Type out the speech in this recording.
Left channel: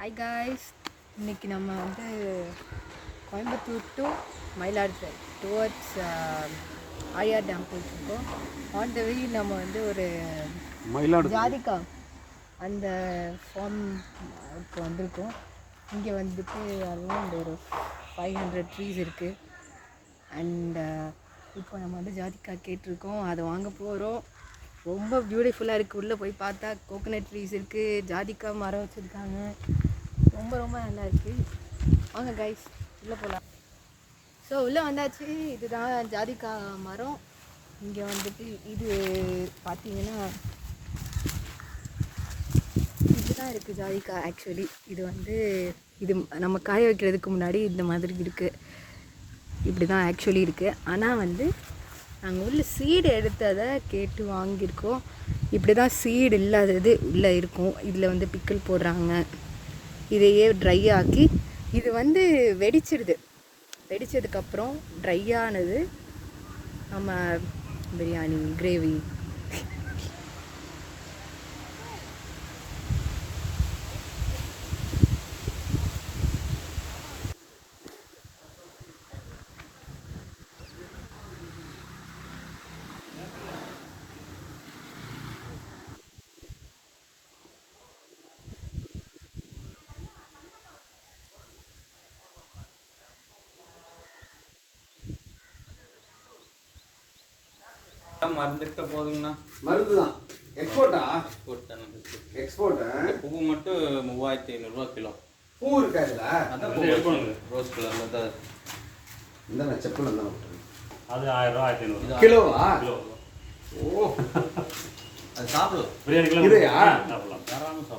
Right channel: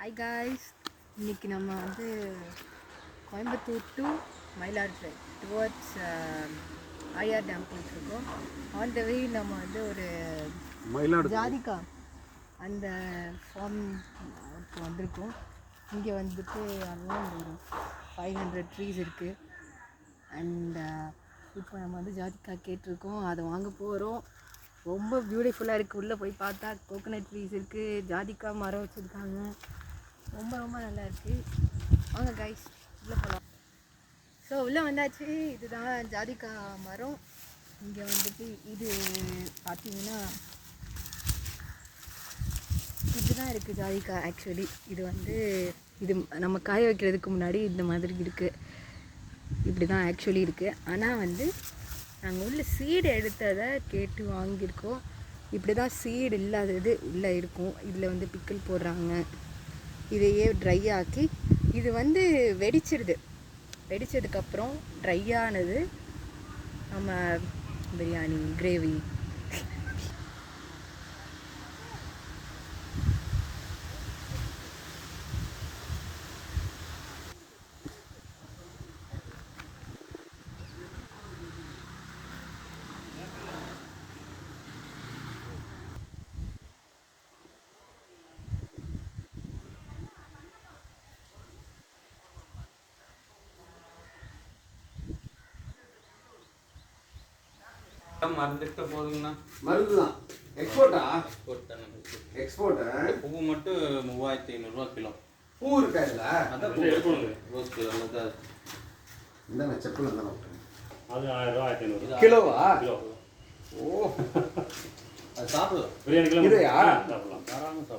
Hi guys, இன்றைக்கி நம்ம வந்து Coimbatore to Mayiladuthurai towards Aliyar dam போயிட்டுருக்கோம். ஆன் த வே நம்ம வந்து ஒரு ஜாதிகா அந்த ஃபார்ம் இப்போ வந்திருக்கோம். இங்கே வந்துட்டு அரௌண்ட் ஒரு 500 ட்ரீஸ் இருக்குது. அண்ட் இப்போ நம்ம வந்து ஜாதிகா கேட்டிருக்கோம், அதை வாங்க போகிறோம். ரொம்ப பியூட்டிஃபுல்லாக இருக்குது. உள்ளே போய் பார்த்தா கோகோனட் ட்ரீஸ் இருக்குது, ஜாதிகா மரம் வச்சுருக்காங்க. ரொம்ப ரொம்ப நல்லா இருக்குது. வாங்க கைஸ் உள்ளே போகலாம். ஸோ உள்ளே வந்தாச்சு. இதுதான் ஜாதிகா மரம். இங்கே வந்துட்டு இது பார்த்தீங்கன்னா இதுதான் இருக்குது ஜாதிகா. ஆக்சுவலி இது வந்து இது நம்ம காய வைக்கிறதுக்கு முன்னாடி இந்த மாதிரி இருக்குது. இப்படி தான் ஆக்சுவலி இருக்குது. ஆனால் வந்து நாங்கள் உள்ள சீடு எடுத்ததை கேட்டு வாங்கியிருக்கோம். இப்படி தான் சீடு இல்லாதது உள்ளே இருக்கும். இதில் வந்து பிக்கிள் போடுறாங்க. இதையே ட்ரை ஆக்கி இது வந்து வெடிச்சிடுது. வெடித்ததுக்கப்புறம் ட்ரை ஆனது நம்ம பிரியாணி கிரேவி மறந்துட்ட போதுங்கண்ணா. மருந்து தான். எக்ஸ்போர்ட்டா? எக்ஸ்போர்ட். பூ மட்டும் 3500 கிலோ. பூ இருக்கா இதுல? அதான் பூ எடுக்கணுங்க. ரோஸ் கலர்ல தான். இந்த நான் செப்பல் தான் விட்டேன். அது 1000 1500 கிலோவா? கிலோ. ஓ. அது சாப்பிடு. பிரியாணி கிலோ. இதுயா? சாப்பிடலாம். தாராளமா சாப்பிடு.